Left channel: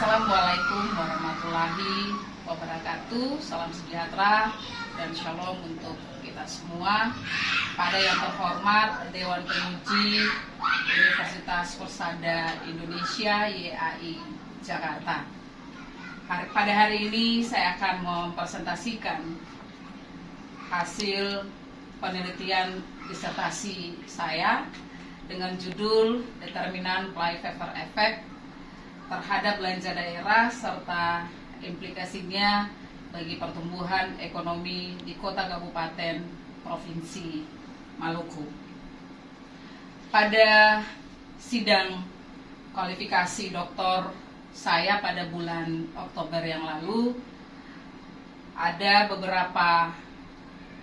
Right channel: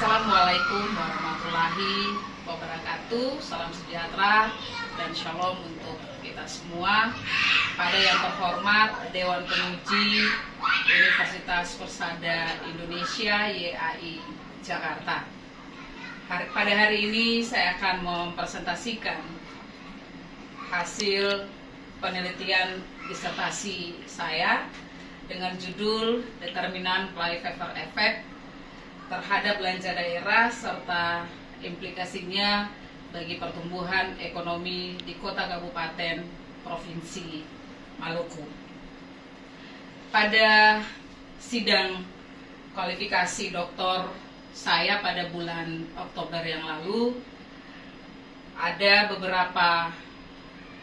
Assalamualaikum warahmatullahi wabarakatuh. Salam sejahtera dan shalom untuk kita semua. Pada yang terhormat Dewan Penguji Universitas Persada Indonesia YAI Jakarta. Pada hari ini saya akan mempresentasikan hasil penelitian disertasi saya dengan judul Determinan Cleyfever Effect terhadap belanja daerah serta implikasinya bagi pertumbuhan ekonomi di kota kabupaten provinsi Maluku. Pada sidang kualifikasi doktor saya pada bulan Oktober yang lalu, ada beberapa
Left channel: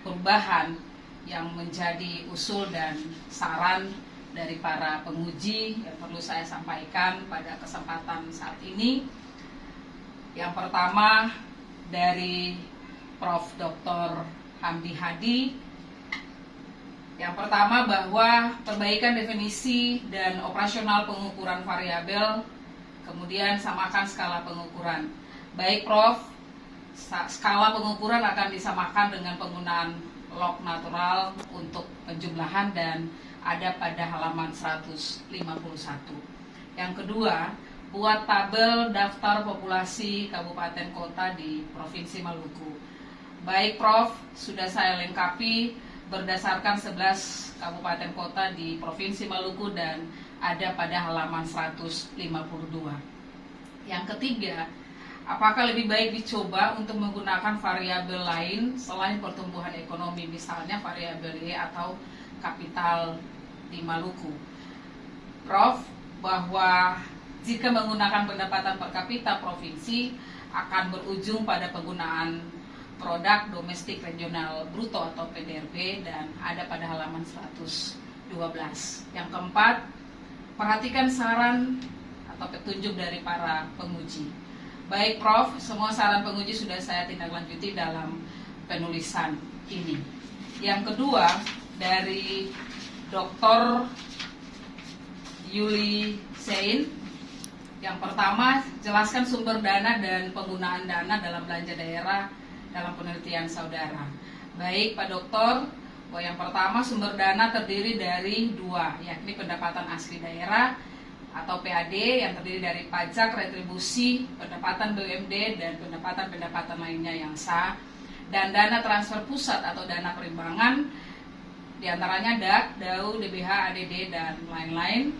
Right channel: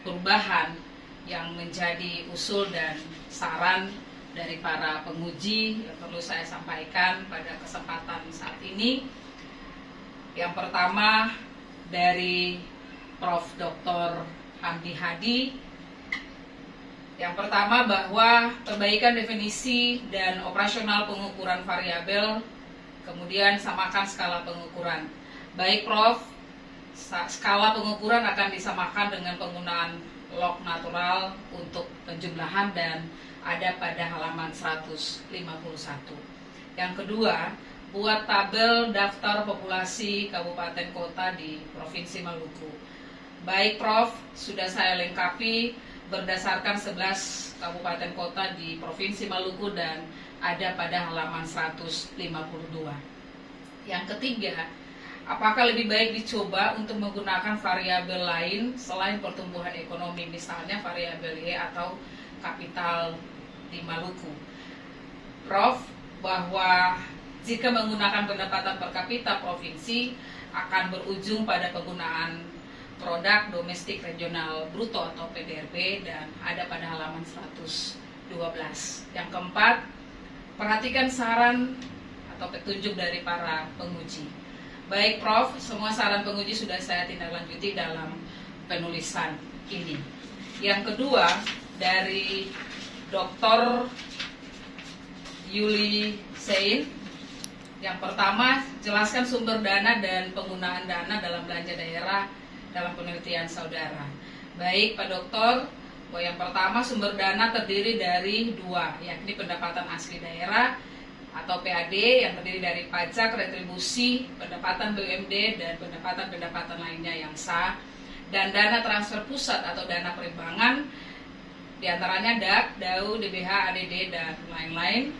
perubahan yang menjadi usul dan saran dari para penguji yang perlu saya sampaikan pada kesempatan saat ini. Yang pertama dari Prof. Dr. Hamdi Hadi. Yang pertama bahwa perbaikan definisi dan operasional pengukuran variabel, kemudian samakan skala pengukuran. Baik Prof, skala pengukuran akan disamakan dengan penggunaan log natural untuk penjumlahan dan ada pada halaman 151. Yang kedua, buat tabel daftar populasi kabupaten kota di Provinsi Maluku. Baik Prof, sudah saya lengkapi berdasarkan 11 kabupaten kota di Provinsi Maluku dan ada pada halaman 152. Yang ketiga, apakah lebih baik dicoba untuk menggunakan variabel lain selain pertumbuhan ekonomi, misalnya variabel Y atau kapital di Maluku? Prof, bahwa jika menggunakan pendapatan per kapita provinsi akan berujung pada penggunaan produk domestik regional bruto atau PDRB dan ada pada halaman 112. Yang keempat, perhatikan saran atau petunjuk dari para penguji. Baik Prof, semua saran penguji sudah saya tindaklanjuti dalam penulisan ini. Yang kedua, dari Dr. Yuli Sein. Yang pertama, jelaskan sumber dana dan penggunaan dana dalam belanja daerah dalam penelitian saudara. Baik Pak Doktor, bahwa yang pertama sumber dana terdiri dari dua, yakni pendapatan asli daerah atau PAD yang terdiri dari pajak, retribusi, pendapatan BUMD dan pendapatan-pendapatan lainnya yang sah, dan dana transfer pusat atau dana perimbangan, diantaranya DAK, DAU, DBH, ADD, dan lain-lain.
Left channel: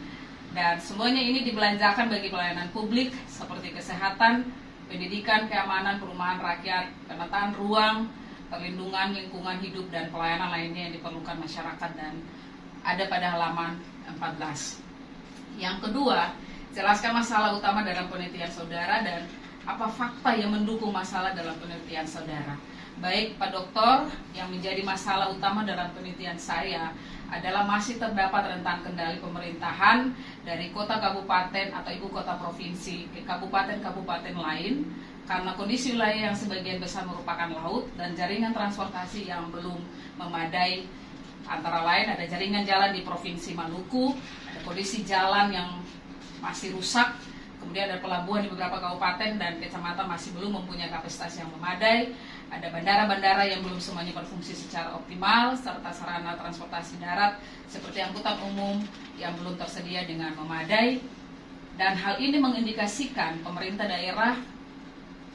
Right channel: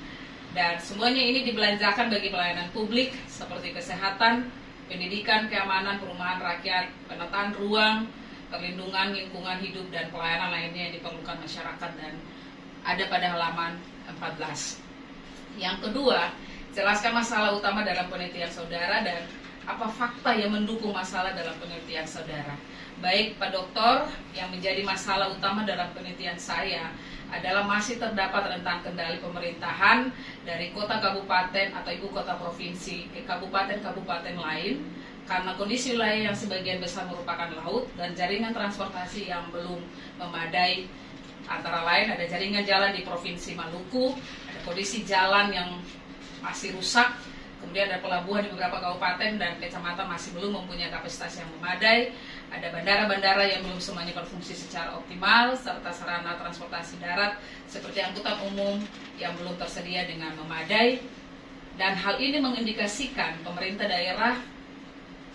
Dan semuanya ini dibelanjakan bagi pelayanan publik seperti kesehatan, pendidikan, keamanan, perumahan rakyat, penataan ruang, perlindungan lingkungan hidup, dan pelayanan lainnya yang diperlukan masyarakat dan ada pada halaman 14. Yang kedua, jelaskan masalah utama dalam penelitian saudara dan apa fakta yang mendukung masalah dalam penelitian saudara. Baik Pak Doktor, yang menjadi masalah utama dalam penelitian saya adalah masih terdapat rentang kendali pemerintahan dari kota kabupaten atau ibu kota provinsi ke kabupaten-kabupaten lain karena kondisi wilayah yang sebagian besar merupakan laut dan jaringan transportasi yang belum memadai. Antara lain ada jaringan jalan di Provinsi Maluku, ada kondisi jalan yang masih rusak, kemudian ada pelabuhan di beberapa kabupaten dan kecamatan masih belum mempunyai kapasitas yang memadai. Ada bandara-bandara yang belum semuanya berfungsi secara optimal, serta sarana transportasi darat seperti angkutan umum yang belum tersedia dengan memadai. Dan hal ini mengindikasikan pemerintah daerah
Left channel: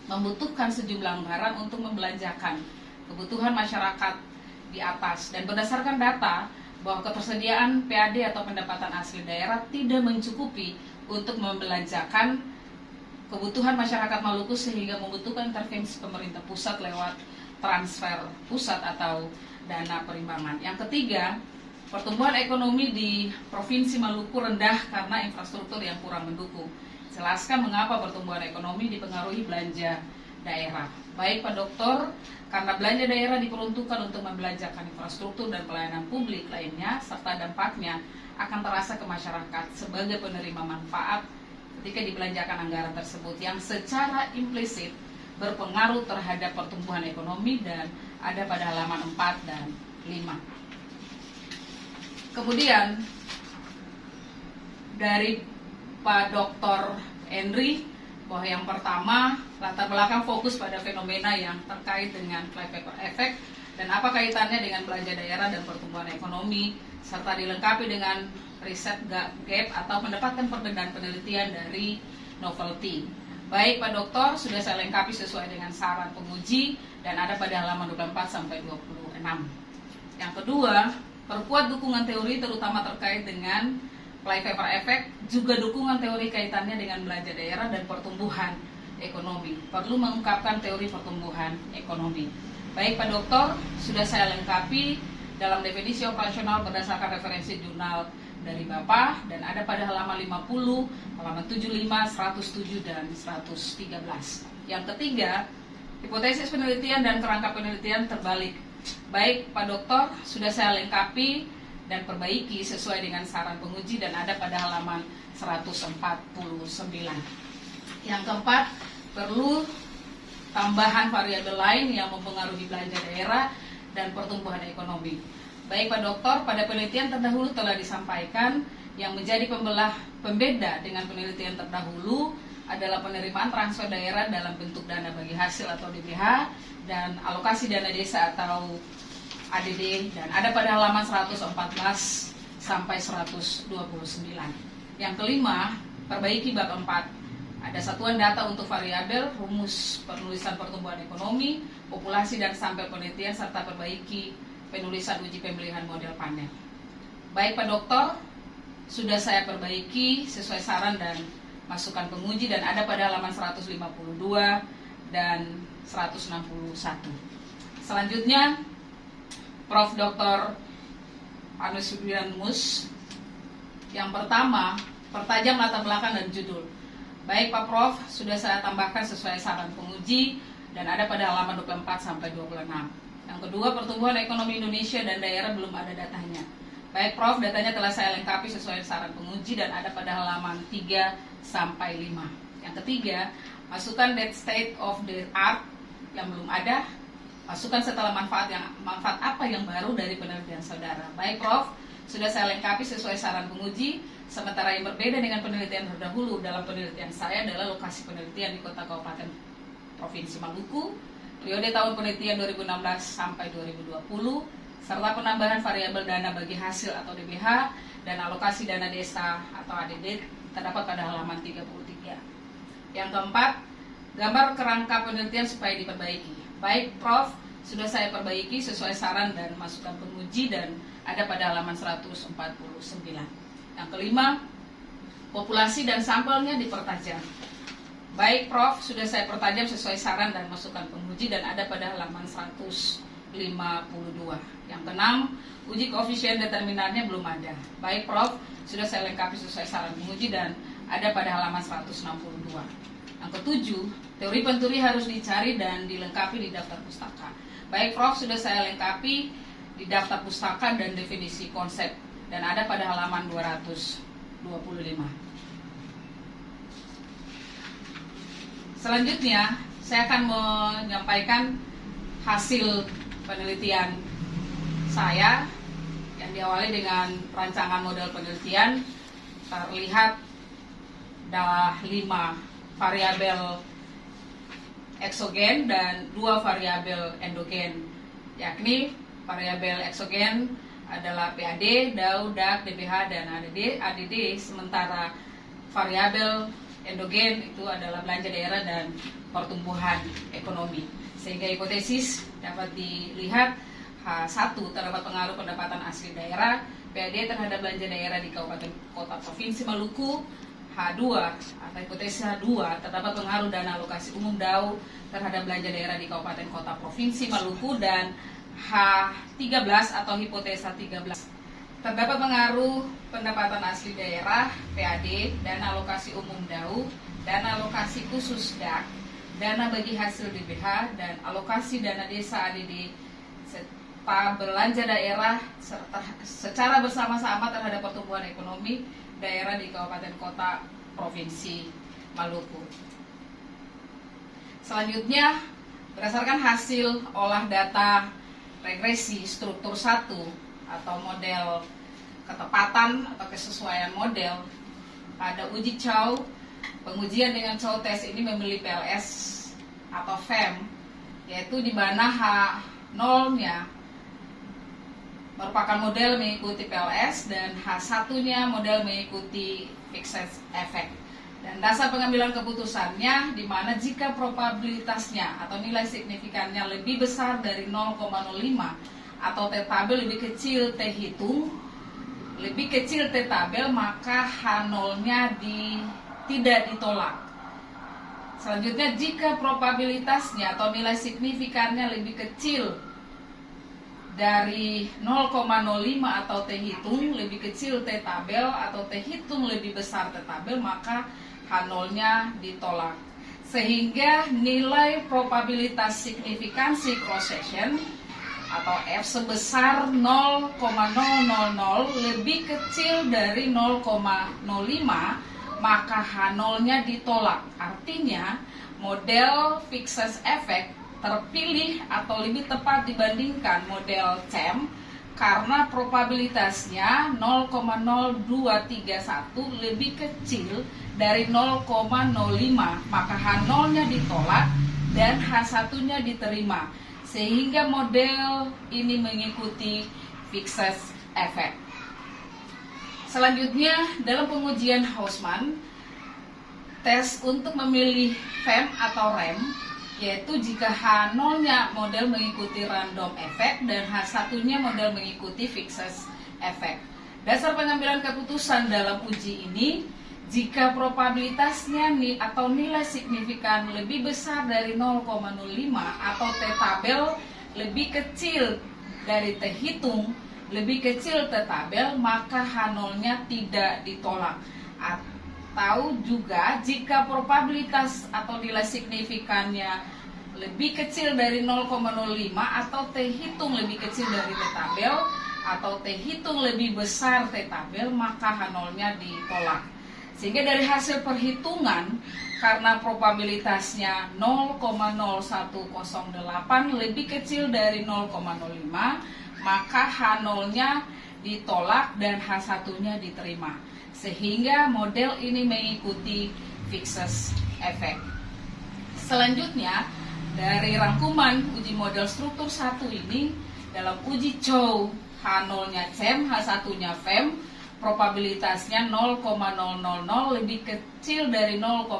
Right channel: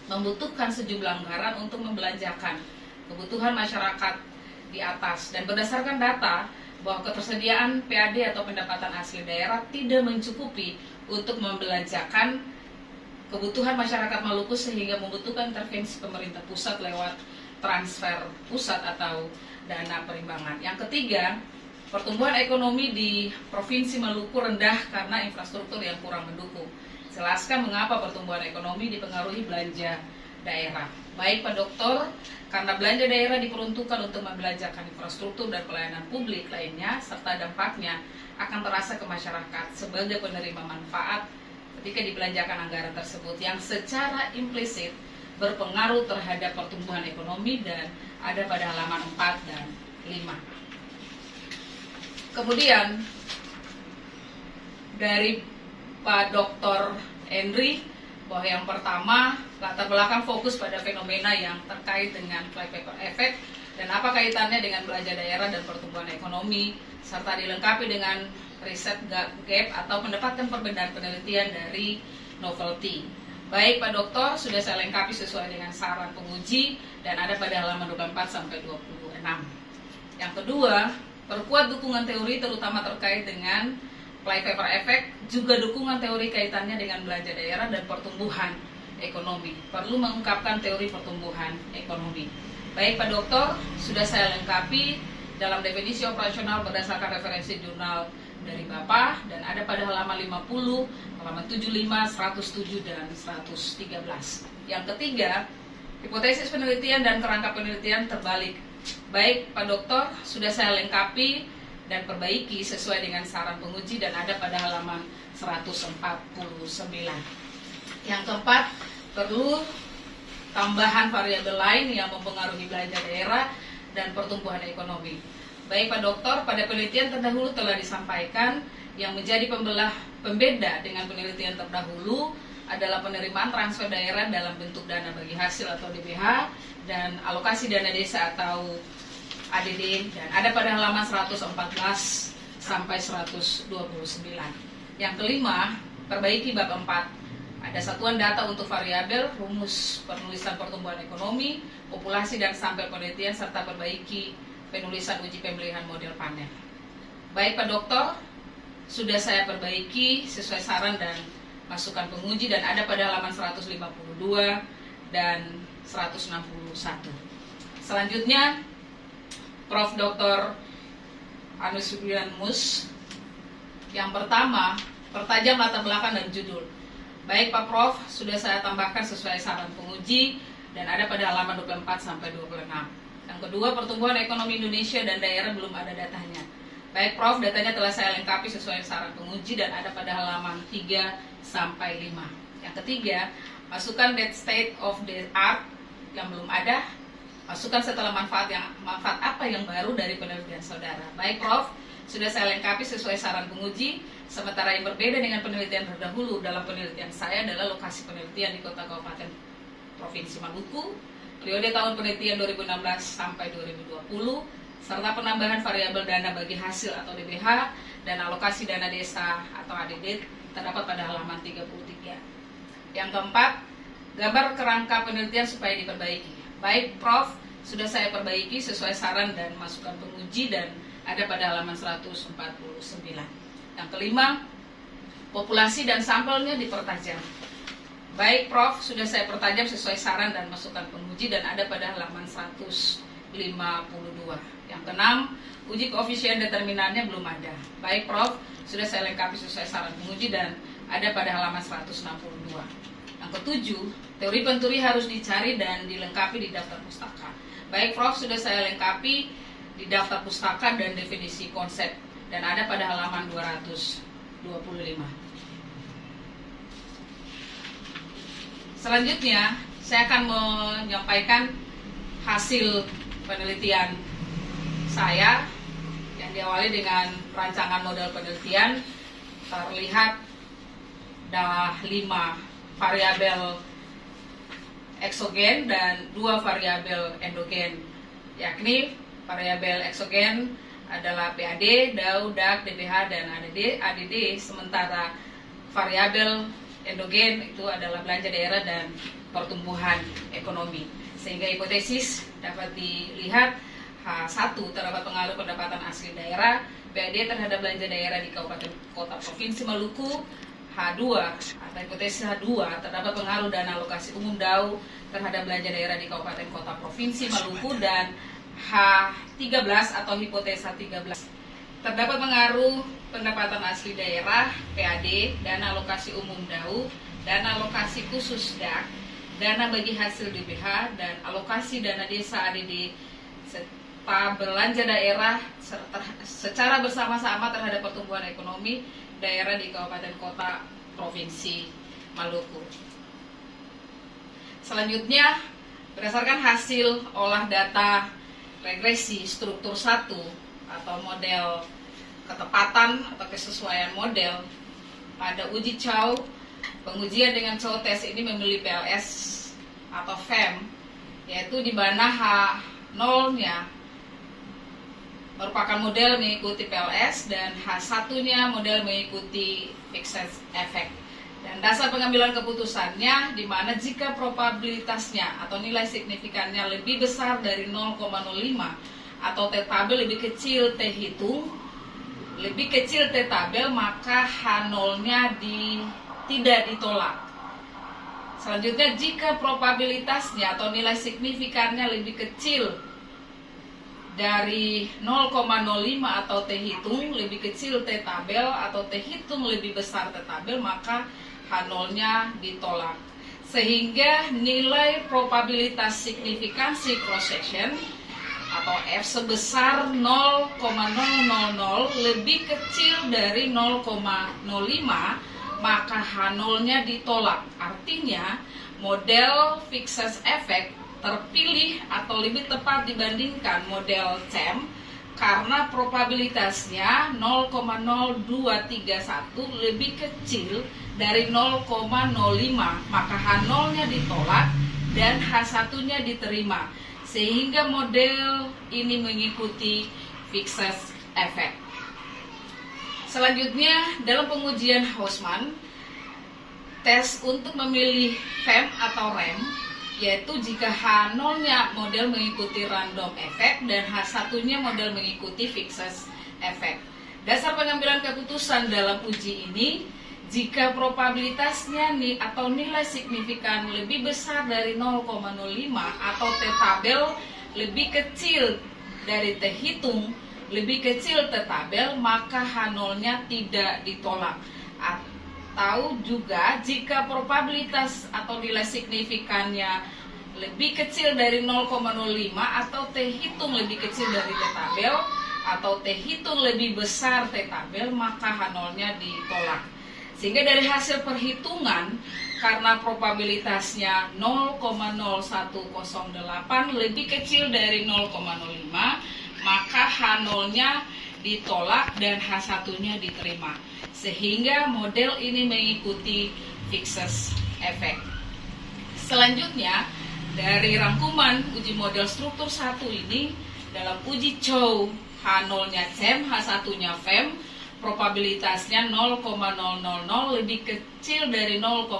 membutuhkan sejumlah anggaran untuk membelanjakan kebutuhan masyarakat di atas. Dan berdasarkan data bahwa ketersediaan PAD atau pendapatan asli daerah tidak mencukupi untuk membelanjakan kebutuhan masyarakat Maluku sehingga membutuhkan intervensi pemerintah pusat lewat transfer pusat atau dana perimbangan. Yang ketiga, pertumbuhan ekonomi di Provinsi Maluku rendah karena infrastruktur yang kurang mendukung. Jelaskan mengapa pertumbuhan ekonomi dipengaruhi belanja daerah. Baik Pak Doktor, karena belanja daerah diperuntukkan untuk membelanjakan infrastruktur dan pelayanan publik lainnya serta dampaknya akan terasa ke masyarakat sebagai penerima manfaat ketika dibelanjakan anggaran tersebut yang secara implisit berpengaruh terhadap pertumbuhan ekonomi dan ada pada halaman 4 dan 5. Kemudian dari Pak Dr. Henry bahwa yang pertama, latar belakang fokus pada fenomena yang terkait dengan flypaper effect dan apa kaitannya dengan belanja daerah dan pertumbuhan ekonomi, serta dilengkapi dengan riset gap atau mendapatkan perbedaan penelitian dari novelty. Baik Pak Dokter, sudah saya lengkapi sesuai dengan saran penguji dan ada pada halaman 24 sampai 26. Yang kedua, perkuat dukungan teori terutama terkait dengan flypaper effect, juga dukungan teori kaitannya dengan belanja daerah dan pertumbuhan ekonomi. Perlu mengungkapkan teori pertumbuhan ekonomi. Baik Pak Dokter, sudah saya lengkapi dalam definisi operasional berdasarkan referensi jurnal dari Bapak dan ada pada halaman 50, halaman 75, 107 dan 113. Yang ketiga, hipotesis penelitian dan kerangka penelitian terbalik. Baik Pak Dokter, sudah saya lengkapi dan perbaiki sesuai dengan saran penguji dan ada pada halaman 149. Yang keempat, perlu tambahan variabel lain yang mempengaruhi belanja daerah dan pertumbuhan ekonomi. Baik Pak Dokter, pada penelitian terdahulu telah disampaikan yang menjadi pembeda dengan penelitian terdahulu adalah penerimaan transfer daerah dalam bentuk dana bagi hasil atau DBH dan alokasi dana desa atau ADD dan ada pada halaman 114 sampai 129. Yang kelima, perbaiki bab 4. Ada satuan data untuk variabel, rumus penulisan pertumbuhan ekonomi, populasi dan sampel penelitian serta perbaiki penulisan uji pemilihan model panel. Baik Pak Dokter, sudah saya perbaiki sesuai saran dan masukan penguji dan ada pada halaman 152 dan 161. Selanjutnya, Prof. Dr. Anus Wiranmus. Yang pertama, pertajam latar belakang dan judul. Baik Pak Prof, sudah saya tambahkan sesuai saran penguji dan ada pada halaman 24 sampai 26. Yang kedua, pertumbuhan ekonomi Indonesia dan daerah belum ada datanya. Baik Prof, datanya telah saya lengkapi sesuai saran penguji dan ada pada halaman 3 sampai 5. Yang ketiga, masukkan state of the art yang belum ada. Masukkan setelah manfaat apa yang baru dari penelitian saudara. Baik Prof, sudah saya lengkapi sesuai saran penguji. Sementara yang berbeda dengan penelitian terdahulu dalam penelitian saya adalah lokasi penelitian di kota kabupaten provinsi Maluku, periode tahun penelitian 2016 sampai 2020, serta penambahan variabel dana bagi hasil atau DBH dan alokasi dana desa atau ADD terdapat pada halaman 33. Yang keempat, gambar kerangka penelitian supaya diperbaiki. Baik Prof, sudah saya perbaiki sesuai saran dan masukan penguji dan ada pada halaman 149. Yang kelima, populasi dan sampelnya dipertajam. Baik Prof, sudah saya pertajam sesuai saran dan masukan penguji dan ada pada halaman 152. Yang keenam, uji koefisien determinannya belum ada. Baik Prof, sudah saya lengkapi sesuai saran penguji dan ada pada halaman 162. Yang ketujuh, teori penturi harus dicari dan dilengkapi di daftar pustaka. Baik Prof, sudah saya lengkapi di daftar pustaka dan definisi konsep dan ada pada halaman 225. Selanjutnya, saya akan menyampaikan hasil penelitian saya yang diawali dengan rancangan model penelitian. Terlihat ada 5 variabel eksogen dan 2 variabel endogen, yakni variabel eksogen adalah PAD, DAU, DAK, DBH, dan ADD, sementara variabel endogen itu adalah belanja daerah dan pertumbuhan ekonomi. Sehingga hipotesis dapat dilihat H1 terdapat pengaruh pendapatan asli daerah, PAD terhadap belanja daerah di kabupaten kota provinsi Maluku, H2 atau hipotesis H2 terdapat pengaruh dana alokasi umum DAU terhadap belanja daerah di kabupaten kota provinsi Maluku, dan H13 atau hipotesis H13 terdapat pengaruh pendapatan asli daerah PAD, dana alokasi umum DAU, dana alokasi khusus DAK, dana bagi hasil DBH, dan alokasi dana desa ADD serta belanja daerah secara bersama-sama terhadap pertumbuhan ekonomi daerah di kabupaten kota provinsi Maluku. Selanjutnya, berdasarkan hasil olah data regresi struktur 1 atau model ketepatan atau kesesuaian model pada uji Chow pengujian dengan tes ini memilih PLS atau FEM, yaitu di mana H0-nya merupakan model mengikuti PLS dan H1-nya model mengikuti fixed effect. Dan dasar pengambilan keputusannya di mana jika probabilitasnya atau nilai signifikannya lebih besar dari 0,05 atau T tabel lebih kecil T hitung, lebih kecil T tabel, maka H0-nya tidak ditolak. Selanjutnya, jika probabilitasnya atau nilai signifikannya lebih kecil dari 0,05 atau T hitung lebih kecil T tabel atau T hitung lebih besar T tabel, maka H0-nya ditolak. Sehingga nilai probabilitas signifikansi cross section atau F sebesar 0,000 lebih kecil dari 0,05, maka H0-nya ditolak. Artinya model fixed effect terpilih atau lebih tepat dibandingkan model CEM karena probabilitasnya 0,0231 lebih kecil dari 0,05, maka H0-nya ditolak dan H1-nya diterima, sehingga model ini mengikuti fixed effect. Selanjutnya, dalam pengujian Hausman, tes untuk memilih FEM atau REM, yaitu jika H0-nya model mengikuti random effect dan H1-nya model mengikuti fixed effect. Dasar pengambilan keputusan dalam uji ini, jika probabilitasnya atau nilai signifikan lebih besar dari 0,05 atau T tabel lebih kecil dari T hitung lebih kecil T tabel, maka H0-nya tidak ditolak. Atau juga jika probabilitas atau nilai signifikannya lebih kecil dari 0,05 atau T hitung lebih kecil dari T tabel atau T hitung lebih besar T tabel, maka H0-nya ditolak. Sehingga dari hasil perhitungan, karena probabilitasnya 0,0108 lebih kecil dari 0,05, maka H0-nya ditolak dan H1-nya diterima. Sehingga model ini mengikuti fixed effect. Selanjutnya, dari rangkuman uji model struktur 1 ini, dalam uji Chow, H0-nya CEM, H1-nya FEM, probabilitasnya 0,000 lebih kecil dari 0,05,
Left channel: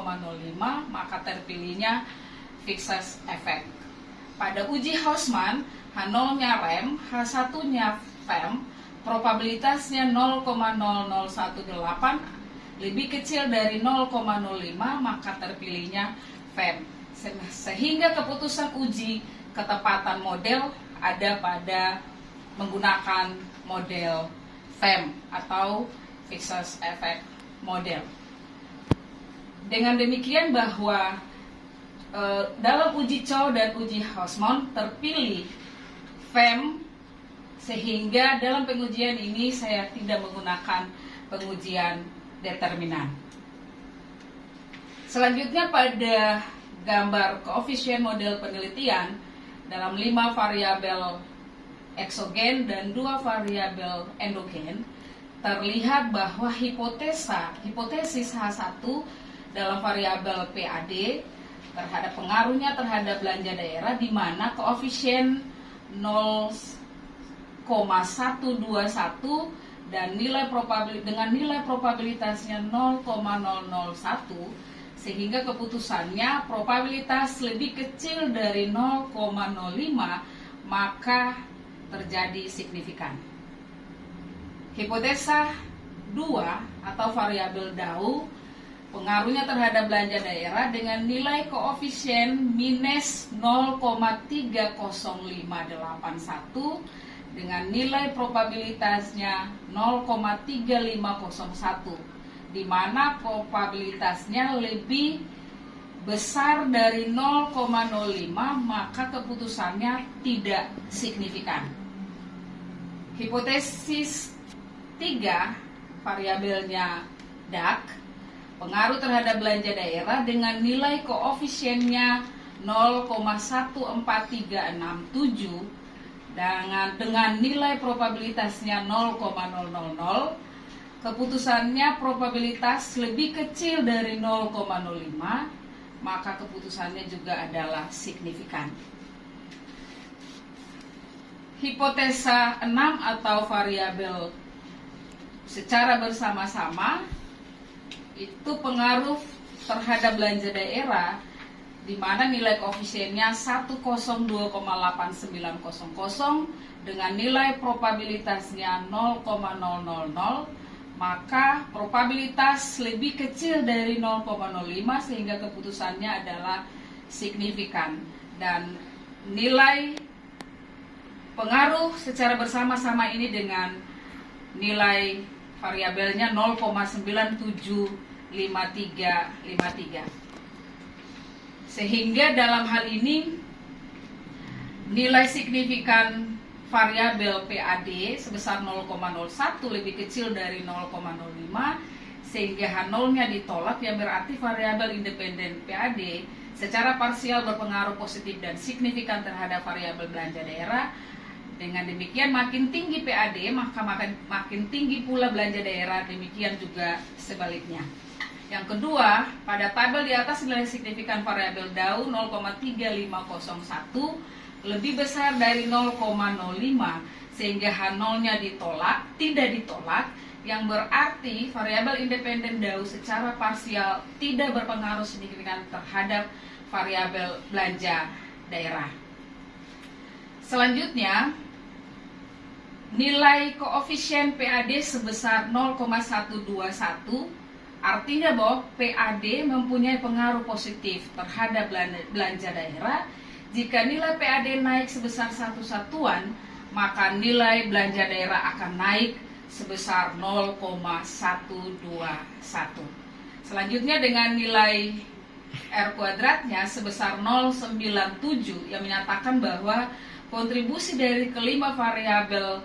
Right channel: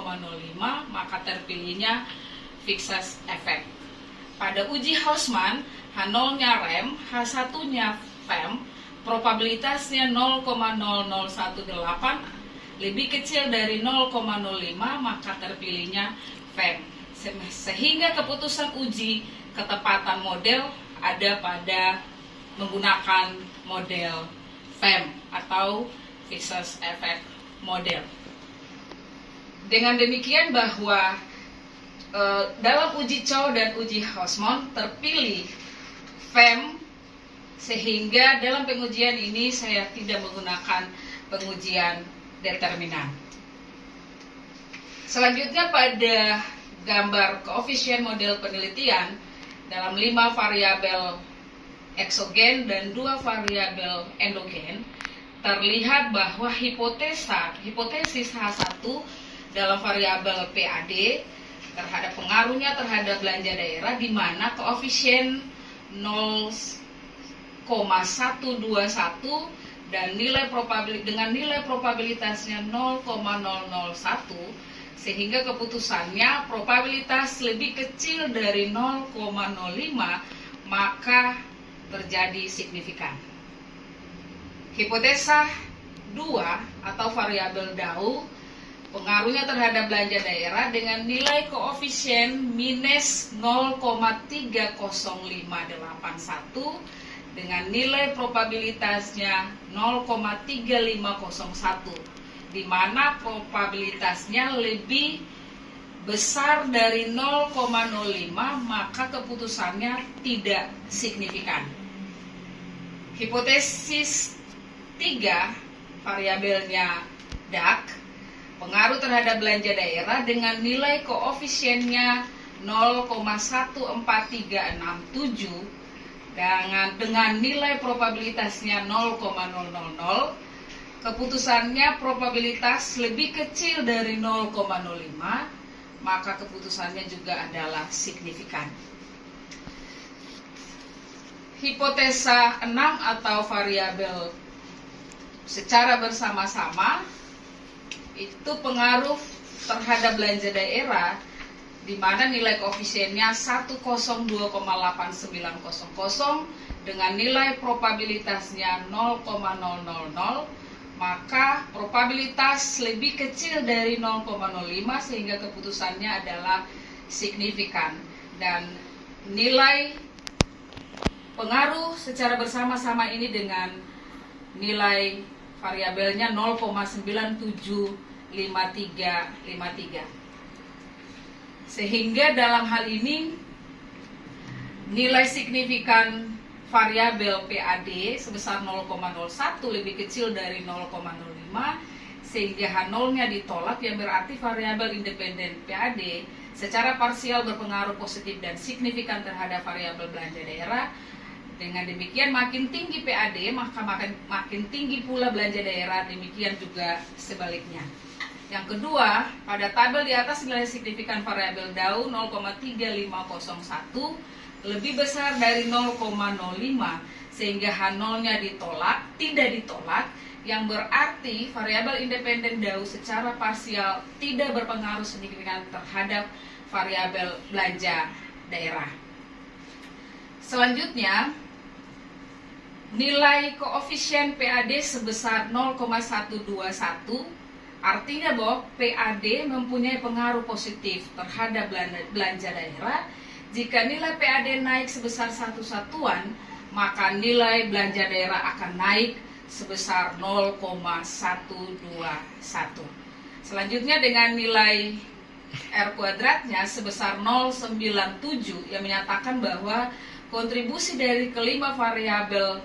maka terpilihnya fixed effect. Pada uji Hausman, H0-nya REM, H1-nya FEM, probabilitasnya 0,0018 lebih kecil dari 0,05, maka terpilihnya FEM. Sehingga keputusan uji ketepatan model ada pada menggunakan model FEM atau fixed effect model. Dengan demikian bahwa dalam uji Chow dan uji Hausman terpilih FEM, sehingga dalam pengujian ini saya tidak menggunakan pengujian determinan. Selanjutnya pada gambar koefisien model penelitian dalam 5 variabel eksogen dan 2 variabel endogen, terlihat bahwa hipotesis H1 dalam variabel PAD terhadap pengaruhnya terhadap belanja daerah di mana koefisien 0,121 dan dengan nilai probabilitasnya 0,001, sehingga keputusannya probabilitas lebih kecil dari 0,05, maka terjadi signifikan. Hipotesa 2 atau variabel Dow, pengaruhnya terhadap belanja daerah dengan nilai koefisien minus 0,30581 dengan nilai probabilitasnya 0,3501, di mana probabilitasnya lebih besar dari 0,05, maka keputusannya tidak signifikan. Hipotesis 3, variabelnya DAC, pengaruh terhadap belanja daerah dengan nilai koefisiennya 0,14367 dengan nilai probabilitasnya 0,000, keputusannya probabilitas lebih kecil dari 0,05, maka keputusannya juga adalah signifikan. Hipotesa 6 atau variabel secara bersama-sama itu pengaruh terhadap belanja daerah di mana nilai koefisiennya 102,8900 dengan nilai probabilitasnya 0,000, maka probabilitas lebih kecil dari 0,05 sehingga keputusannya adalah signifikan, dan nilai pengaruh secara bersama-sama ini dengan nilai variabelnya 0,975353. Sehingga dalam hal ini nilai signifikan variabel PAD sebesar 0,01 lebih kecil dari 0,05 sehingga H0-nya ditolak, yang berarti variabel independen PAD secara parsial berpengaruh positif dan signifikan terhadap variabel belanja daerah. Dengan demikian makin tinggi PAD maka makin tinggi pula belanja daerah, demikian juga sebaliknya. Yang kedua, pada tabel di atas nilai signifikan variabel DAU 0,3501 lebih besar dari 0,05 sehingga H0-nya tidak ditolak, yang berarti variabel independen DAU secara parsial tidak berpengaruh signifikan terhadap variabel belanja daerah. Selanjutnya, nilai koefisien PAD sebesar 0,121 artinya bahwa PAD mempunyai pengaruh positif terhadap belanja daerah. Jika nilai PAD naik sebesar 1 satuan, maka nilai belanja daerah akan naik sebesar 0,121. Selanjutnya dengan nilai R kuadratnya sebesar 0,97 yang menyatakan bahwa kontribusi dari kelima variabel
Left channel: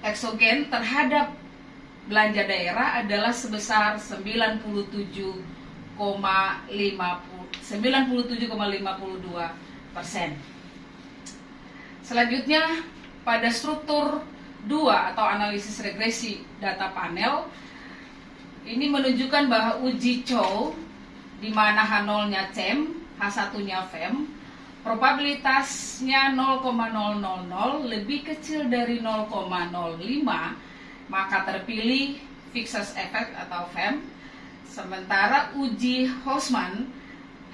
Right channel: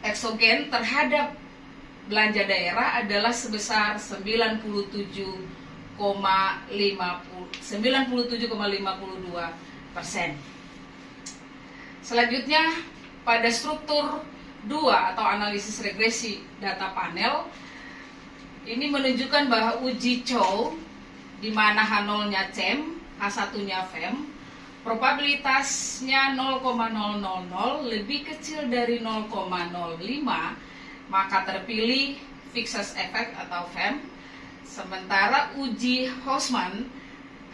eksogen terhadap belanja daerah adalah sebesar 97,52%. Selanjutnya pada struktur 2 atau analisis regresi data panel ini menunjukkan bahwa uji Chow di mana H0-nya CEM, H1-nya FEM, probabilitasnya 0,000 lebih kecil dari 0,05, maka terpilih Fixed Effect atau FEM. Sementara uji Houseman,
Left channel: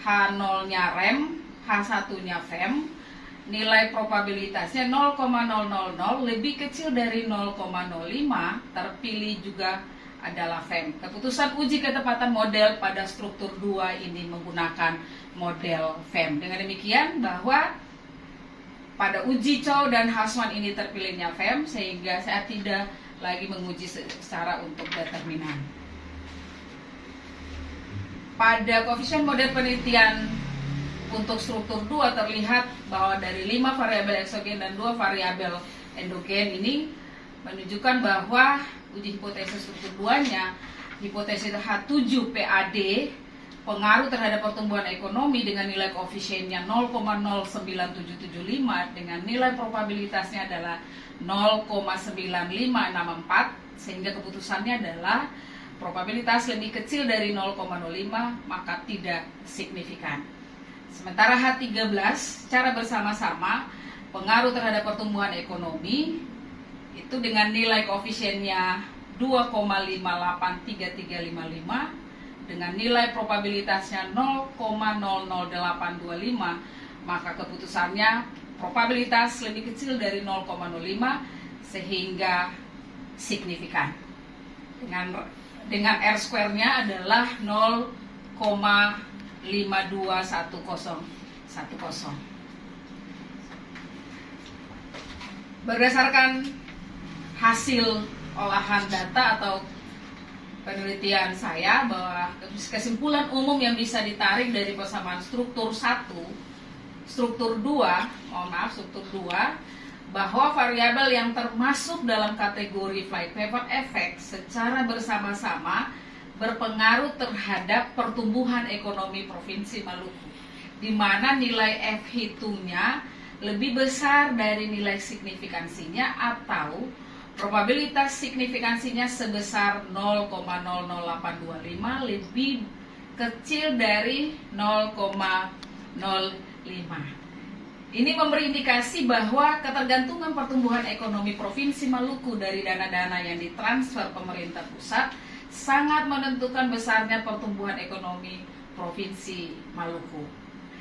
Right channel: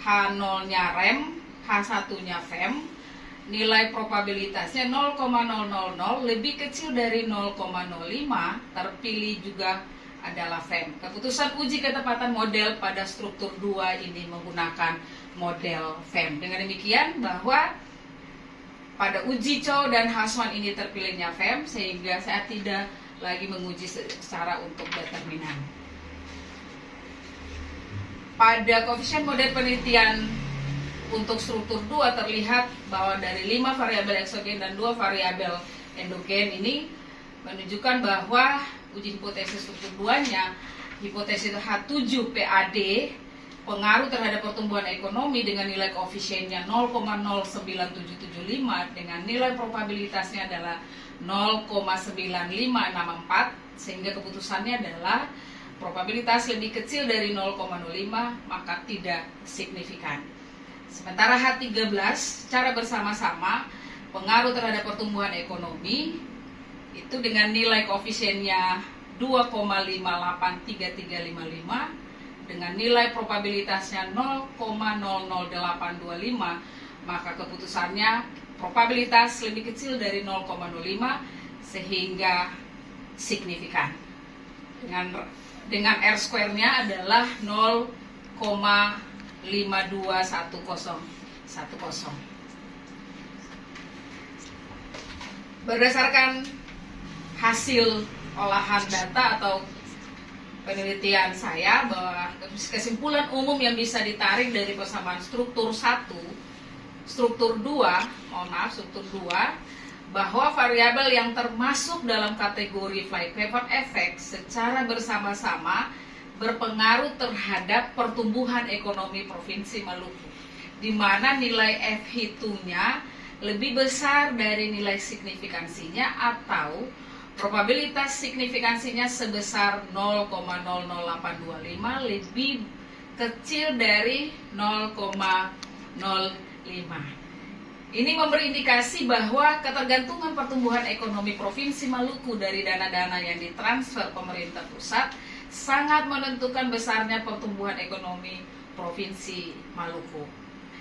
H0-nya REM, H1-nya FEM, nilai probabilitasnya 0,000 lebih kecil dari 0,05, terpilih juga adalah FEM. Keputusan uji ketepatan model pada struktur 2 ini menggunakan model FEM. Dengan demikian bahwa pada uji Chow dan Houseman ini terpilihnya FEM, sehingga saya tidak lagi menguji secara untuk determinan. Pada koefisien model penelitian untuk struktur 2 terlihat bahwa dari 5 variabel eksogen dan 2 variabel endogen ini menunjukkan bahwa uji hipotesis struktur 2-nya, hipotesis H7 PAD pengaruh terhadap pertumbuhan ekonomi dengan nilai koefisiennya 0,09775 dengan nilai probabilitasnya adalah 0,9564 sehingga keputusannya adalah probabilitas lebih kecil dari 0,05 maka tidak signifikan. Sementara H13 secara bersama-sama pengaruh terhadap pertumbuhan ekonomi itu dengan nilai koefisiennya 2,583355 dengan nilai probabilitasnya 0,00825 maka keputusannya probabilitas lebih kecil dari 0,05 sehingga signifikan. Dengan R square-nya adalah 0,521010. Berdasarkan hasil olahan data atau penelitian saya bahwa kesimpulan umum yang bisa ditarik dari persamaan struktur 1, struktur 2, struktur 2 bahwa variabel yang termasuk dalam kategori flight path effect secara bersama-sama berpengaruh terhadap pertumbuhan ekonomi Provinsi Maluku, di mana nilai F-nya lebih besar dari nilai signifikansinya atau probabilitas signifikansinya sebesar 0,00825, lebih kecil dari 0,05. Ini memberi indikasi bahwa ketergantungan pertumbuhan ekonomi Provinsi Maluku dari dana-dana yang ditransfer pemerintah pusat sangat menentukan besarnya pertumbuhan ekonomi Provinsi Maluku.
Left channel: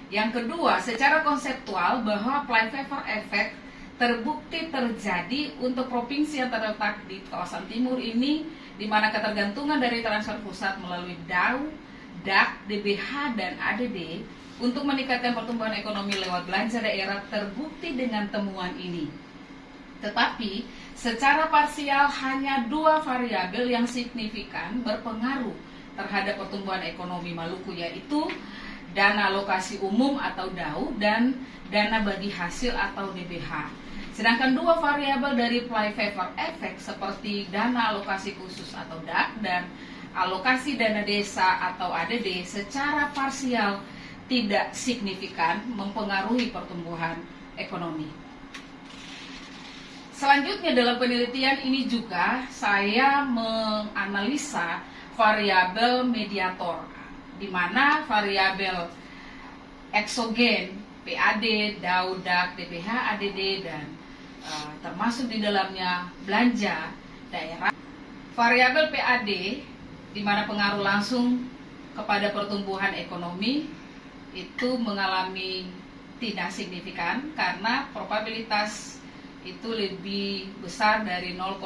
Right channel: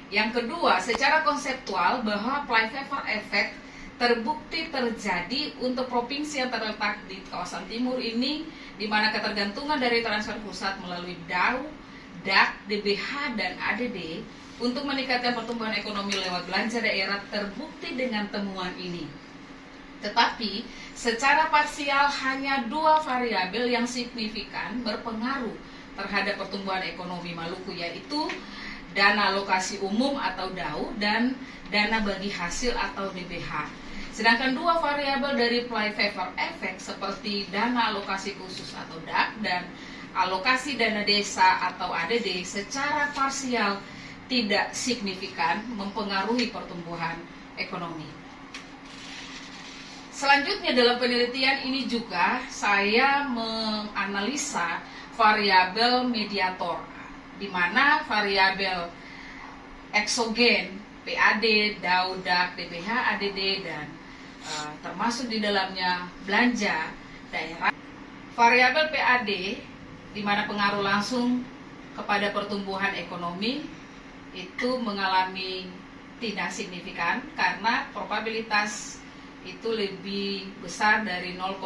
Yang kedua, secara konseptual bahwa flypaper effect terbukti terjadi untuk provinsi yang terletak di kawasan timur ini, di mana ketergantungan dari transfer pusat melalui DAU, DAK, DBH, dan ADD untuk meningkatkan pertumbuhan ekonomi lewat belanja daerah terbukti dengan temuan ini. Tetapi secara parsial hanya dua variabel yang signifikan berpengaruh terhadap pertumbuhan ekonomi Maluku, yaitu dana alokasi umum atau DAU dan dana bagi hasil atau DBH. Sedangkan dua variabel dari flypaper effect seperti dana alokasi khusus atau DAK dan alokasi dana desa atau ADD secara parsial tidak signifikan mempengaruhi pertumbuhan ekonomi. Selanjutnya dalam penelitian ini juga saya menganalisa variabel mediator, di mana variabel eksogen, PAD, DAU, DAK, DBH, ADD, dan termasuk di dalamnya belanja daerah. Variabel PAD, di mana pengaruh langsung kepada pertumbuhan ekonomi, itu mengalami tidak signifikan karena probabilitas itu lebih besar dari 0,05.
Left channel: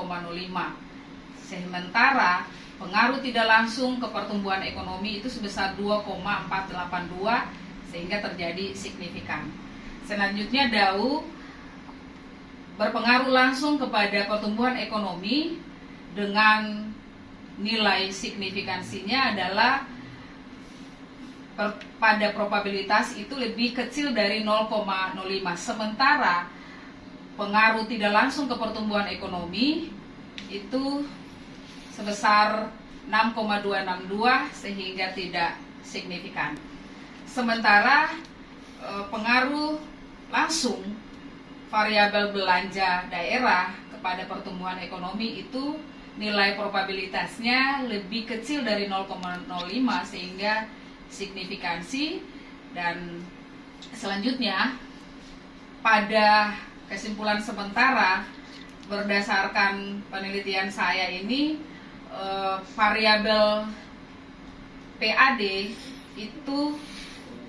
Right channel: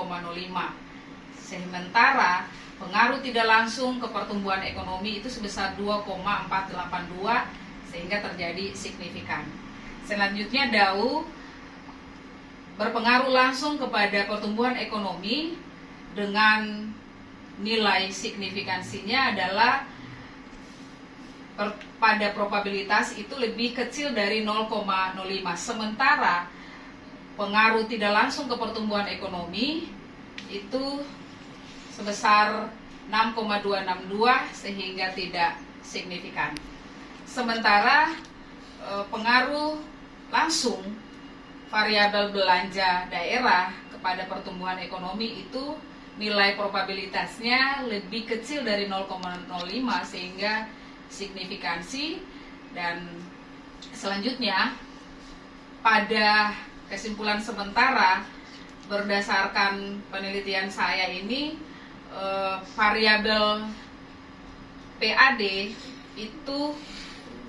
Sementara pengaruh tidak langsung ke pertumbuhan ekonomi itu sebesar 2,482 sehingga terjadi signifikan. Selanjutnya DAU berpengaruh langsung kepada pertumbuhan ekonomi dengan nilai signifikansinya adalah pada probabilitas itu lebih kecil dari 0,05. Sementara pengaruh tidak langsung ke pertumbuhan ekonomi itu sebesar 6,262 sehingga tidak signifikan. Sementara pengaruh langsung variabel belanja daerah kepada pertumbuhan ekonomi itu nilai probabilitasnya lebih kecil dari 0,05 sehingga signifikansi. Dan selanjutnya pada kesimpulan sementara berdasarkan penelitian saya ini, variabel PAD itu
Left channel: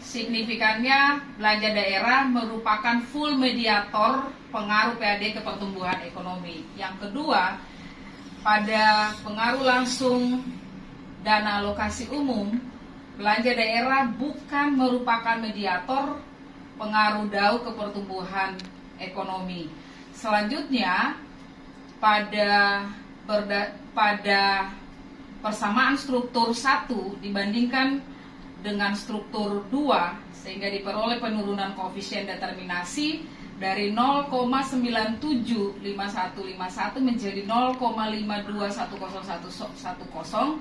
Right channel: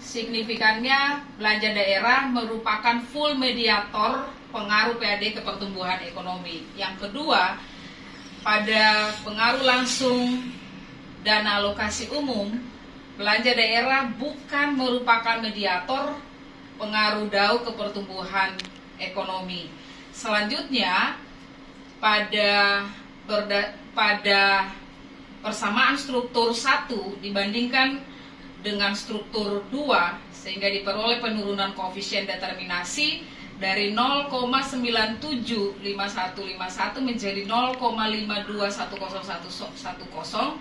signifikannya belanja daerah merupakan full mediator pengaruh PAD ke pertumbuhan ekonomi. Yang kedua, pada pengaruh langsung dana alokasi umum, belanja daerah bukan merupakan mediator pengaruh DAU ke pertumbuhan ekonomi. Selanjutnya, pada persamaan struktur 1 dibandingkan dengan struktur 2 sehingga diperoleh penurunan koefisien determinasi dari 0,975151 menjadi 0,521010.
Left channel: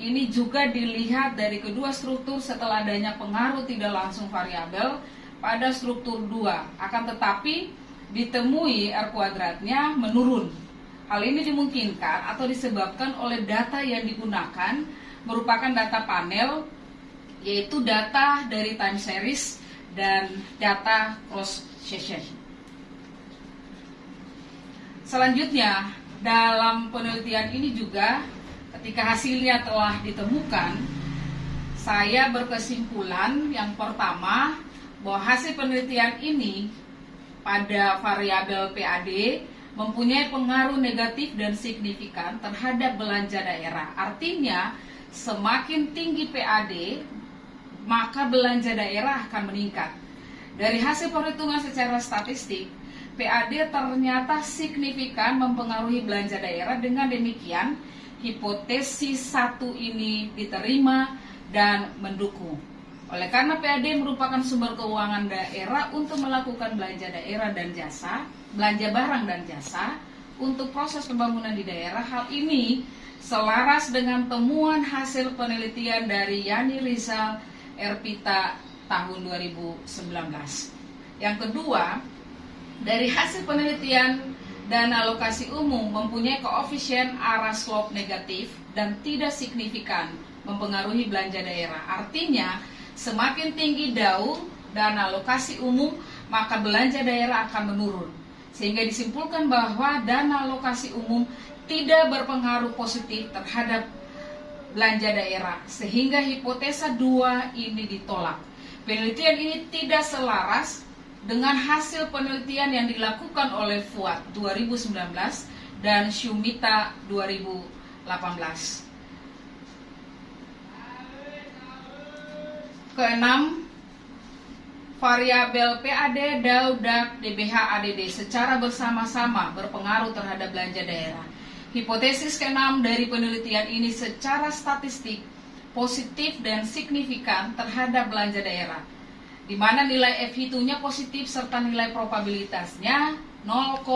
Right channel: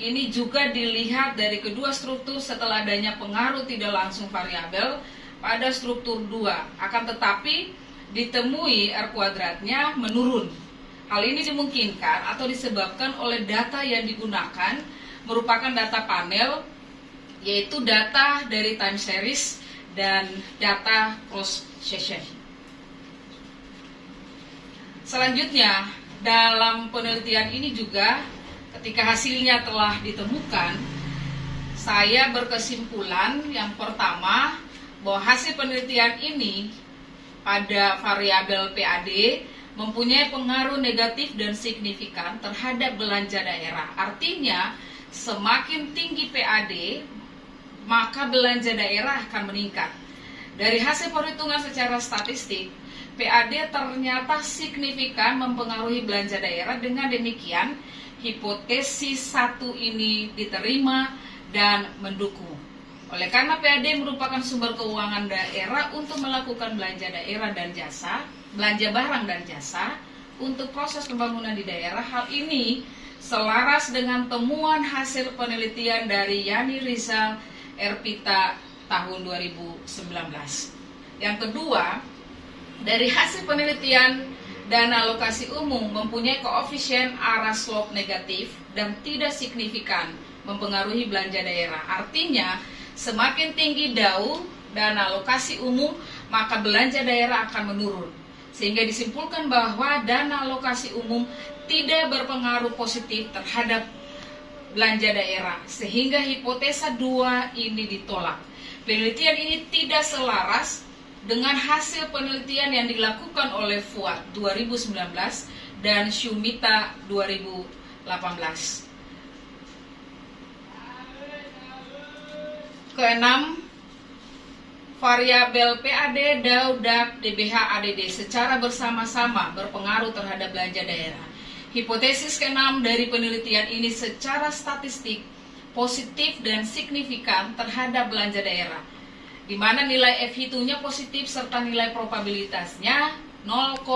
Ini juga dilihat dari kedua struktur setelah adanya pengaruh tidak langsung variabel pada struktur 2. Akan tetapi ditemui R kuadratnya menurun. Hal ini dimungkinkan atau disebabkan oleh data yang digunakan merupakan data panel, yaitu data dari time series dan data cross section. Selanjutnya, dalam penelitian ini juga ketika hasilnya telah ditemukan, saya berkesimpulan yang pertama bahwa hasil penelitian ini pada variabel PAD mempunyai pengaruh negatif dan signifikan terhadap belanja daerah. Artinya, semakin tinggi PAD, maka belanja daerah akan meningkat. Dari hasil perhitungan secara statistik, PAD ternyata signifikan mempengaruhi belanja daerah. Dengan demikian, hipotesis 1 ini diterima dan mendukung. Oleh karena PAD merupakan sumber keuangan daerah untuk melakukan belanja daerah dan jasa, belanja barang dan jasa untuk proses pembangunan di daerah. Hal ini selaras dengan temuan hasil penelitian dari Yani Rizal Erpita tahun 2019. Yang kedua, dari hasil penelitian dana alokasi umum mempunyai koefisien arah slope negatif dan tidak signifikan mempengaruhi belanja daerah. Artinya, semakin tinggi DAU dana alokasi umum, maka belanja daerah akan menurun. Sehingga disimpulkan bahwa dana alokasi umum tidak berpengaruh positif terhadap belanja daerah, sehingga hipotesa 2 ini ditolak. Penelitian ini tidak selaras dengan hasil penelitian yang dilakukan oleh Fuad 2019 dan Shumita 2018. Keenam, variabel PAD, DAU, DAK, DBH, ADD secara bersama-sama berpengaruh terhadap belanja daerah. Hipotesis keenam dari penelitian ini secara statistik positif dan signifikan terhadap belanja daerah, di mana nilai F-nya positif serta nilai probabilitasnya 0,000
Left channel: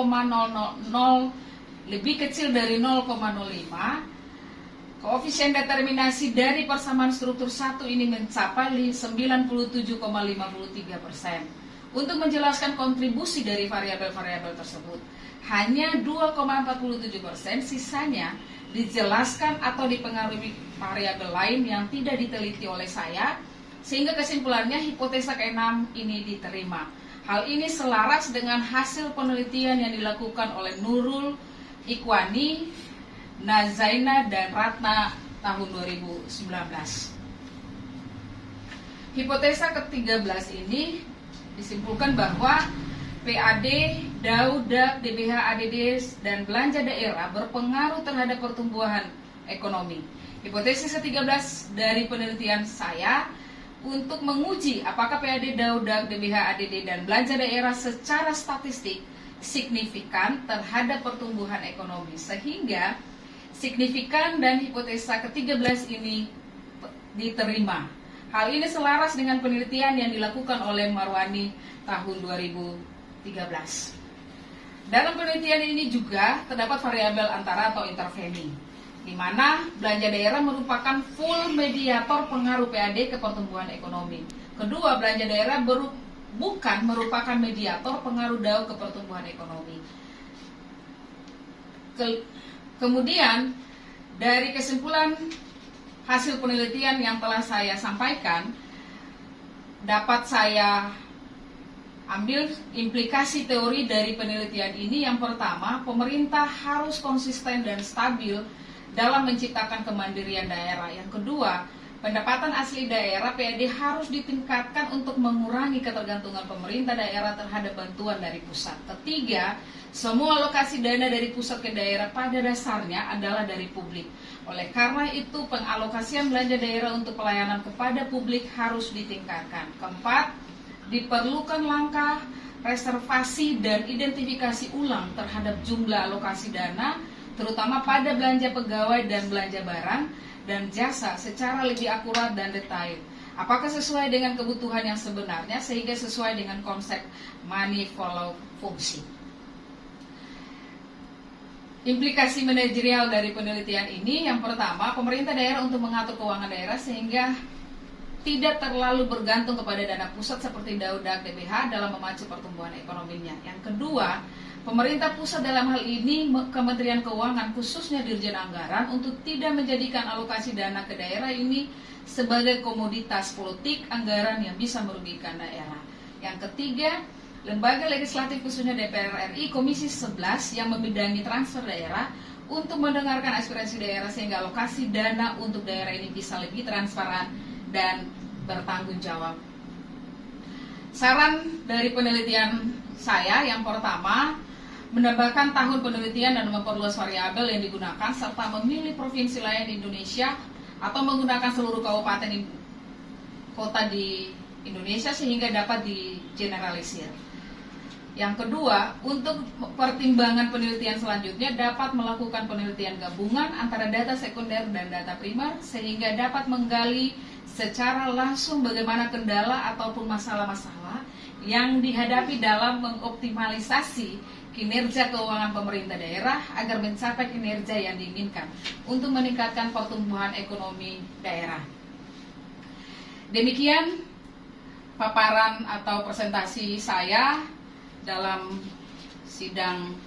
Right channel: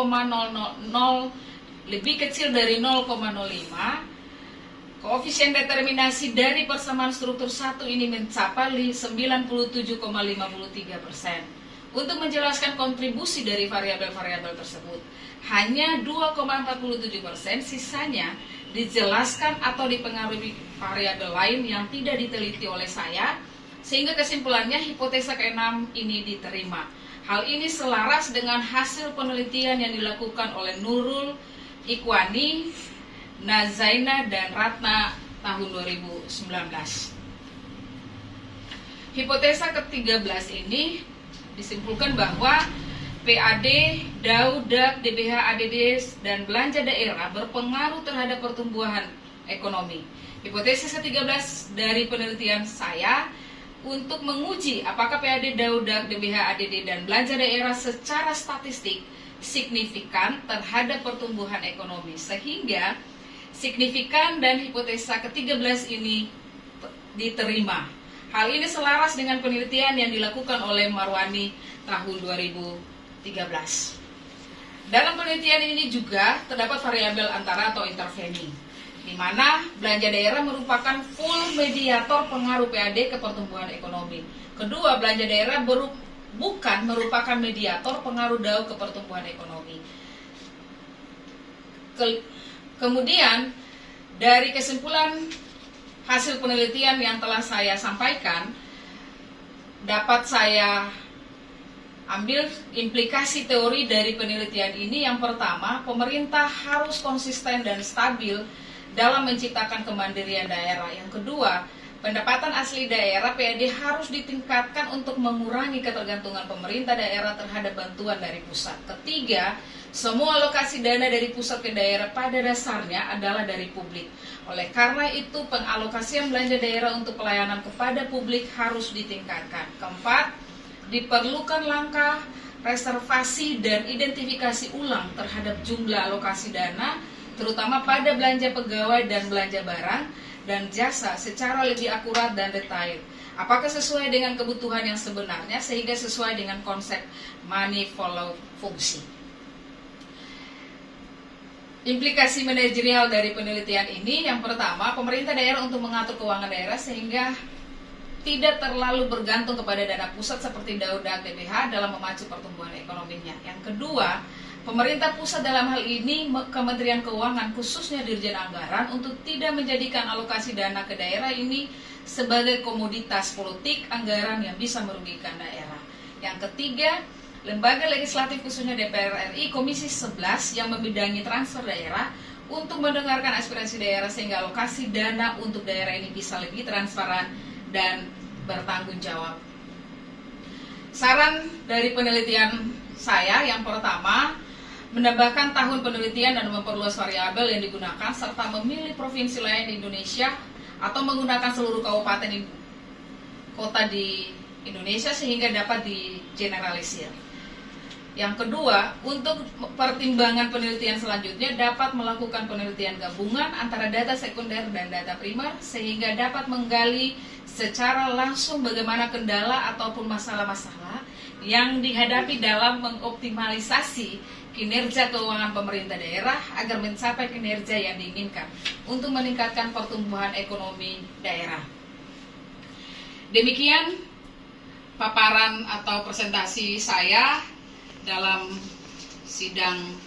lebih kecil dari 0,05. Koefisien determinasi dari persamaan struktur 1 ini mencapai 97,53%. Untuk menjelaskan kontribusi dari variabel-variabel tersebut, hanya 2,47%, sisanya dijelaskan atau dipengaruhi variabel lain yang tidak diteliti oleh saya, sehingga kesimpulannya hipotesa ke-6 ini diterima. Hal ini selaras dengan hasil penelitian yang dilakukan oleh Nurul, Ikhwani, Nazaina, dan Ratna tahun 2019. Hipotesa ke-13 ini disimpulkan bahwa PAD, DAU, DAK, DBH, ADD, dan belanja daerah berpengaruh terhadap pertumbuhan ekonomi. Hipotesis ke-13 dari penelitian saya untuk menguji apakah PAD, DAU, DAK, DBH, ADD, dan belanja daerah secara statistik signifikan terhadap pertumbuhan ekonomi, sehingga signifikan dan hipotesa ke-13 ini diterima. Hal ini selaras dengan penelitian yang dilakukan oleh Marwani tahun 2013. Dalam penelitian ini juga terdapat variabel antara atau interveni, di mana belanja daerah merupakan full mediator pengaruh PAD ke pertumbuhan ekonomi. Kedua, belanja daerah bukan merupakan mediator pengaruh DAU ke pertumbuhan ekonomi. Kemudian, dari kesimpulan hasil penelitian yang telah saya sampaikan, dapat saya ambil implikasi teori dari penelitian ini. Yang pertama, pemerintah harus konsisten dan stabil dalam menciptakan kemandirian daerah. Yang kedua, pendapatan asli daerah PAD harus ditingkatkan untuk mengurangi ketergantungan pemerintah daerah terhadap bantuan dari pusat. Ketiga, semua alokasi dana dari pusat ke daerah pada dasarnya adalah dari publik. Oleh karena itu, pengalokasian belanja daerah untuk pelayanan kepada publik harus ditingkatkan. Keempat, diperlukan langkah reservasi dan identifikasi ulang terhadap jumlah alokasi dana, terutama pada belanja pegawai dan belanja barang dan jasa secara lebih akurat dan detail. Apakah sesuai dengan kebutuhan yang sebenarnya, sehingga sesuai dengan konsep money follow function. Implikasi manajerial dari penelitian ini, yang pertama, pemerintah daerah untuk mengatur keuangan daerah sehingga tidak terlalu bergantung kepada dana pusat seperti DAU, DAK, DBH dalam memacu pertumbuhan ekonominya. Yang kedua, pemerintah pusat dalam hal ini Kementerian Keuangan khususnya Dirjen Anggaran untuk tidak menjadikan alokasi dana ke daerah ini sebagai komoditas politik anggaran yang bisa merugikan daerah. Yang ketiga, Lembaga Legislatif khususnya DPR RI Komisi 11 yang membidangi transfer daerah untuk mendengarkan aspirasi daerah sehingga alokasi dana untuk daerah ini bisa lebih transparan dan bertanggung jawab. Saran dari penelitian saya, yang pertama, menambahkan tahun penelitian dan memperluas variabel yang digunakan serta memilih provinsi lain di Indonesia atau menggunakan seluruh kabupaten kota di Indonesia sehingga dapat digeneralisir. Yang kedua, untuk pertimbangan penelitian selanjutnya dapat melakukan penelitian gabungan antara data sekunder dan data primer sehingga dapat menggali secara langsung bagaimana kendala ataupun masalah-masalah yang dihadapi dalam mengoptimalisasi kinerja keuangan pemerintah daerah agar mencapai kinerja yang diinginkan untuk meningkatkan pertumbuhan ekonomi daerah. Demikian paparan atau presentasi saya dalam sidang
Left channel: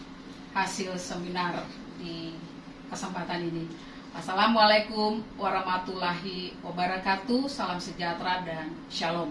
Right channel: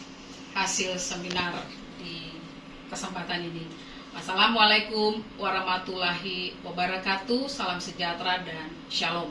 hasil seminar di kesempatan ini. Wassalamualaikum warahmatullahi wabarakatuh. Salam sejahtera dan shalom.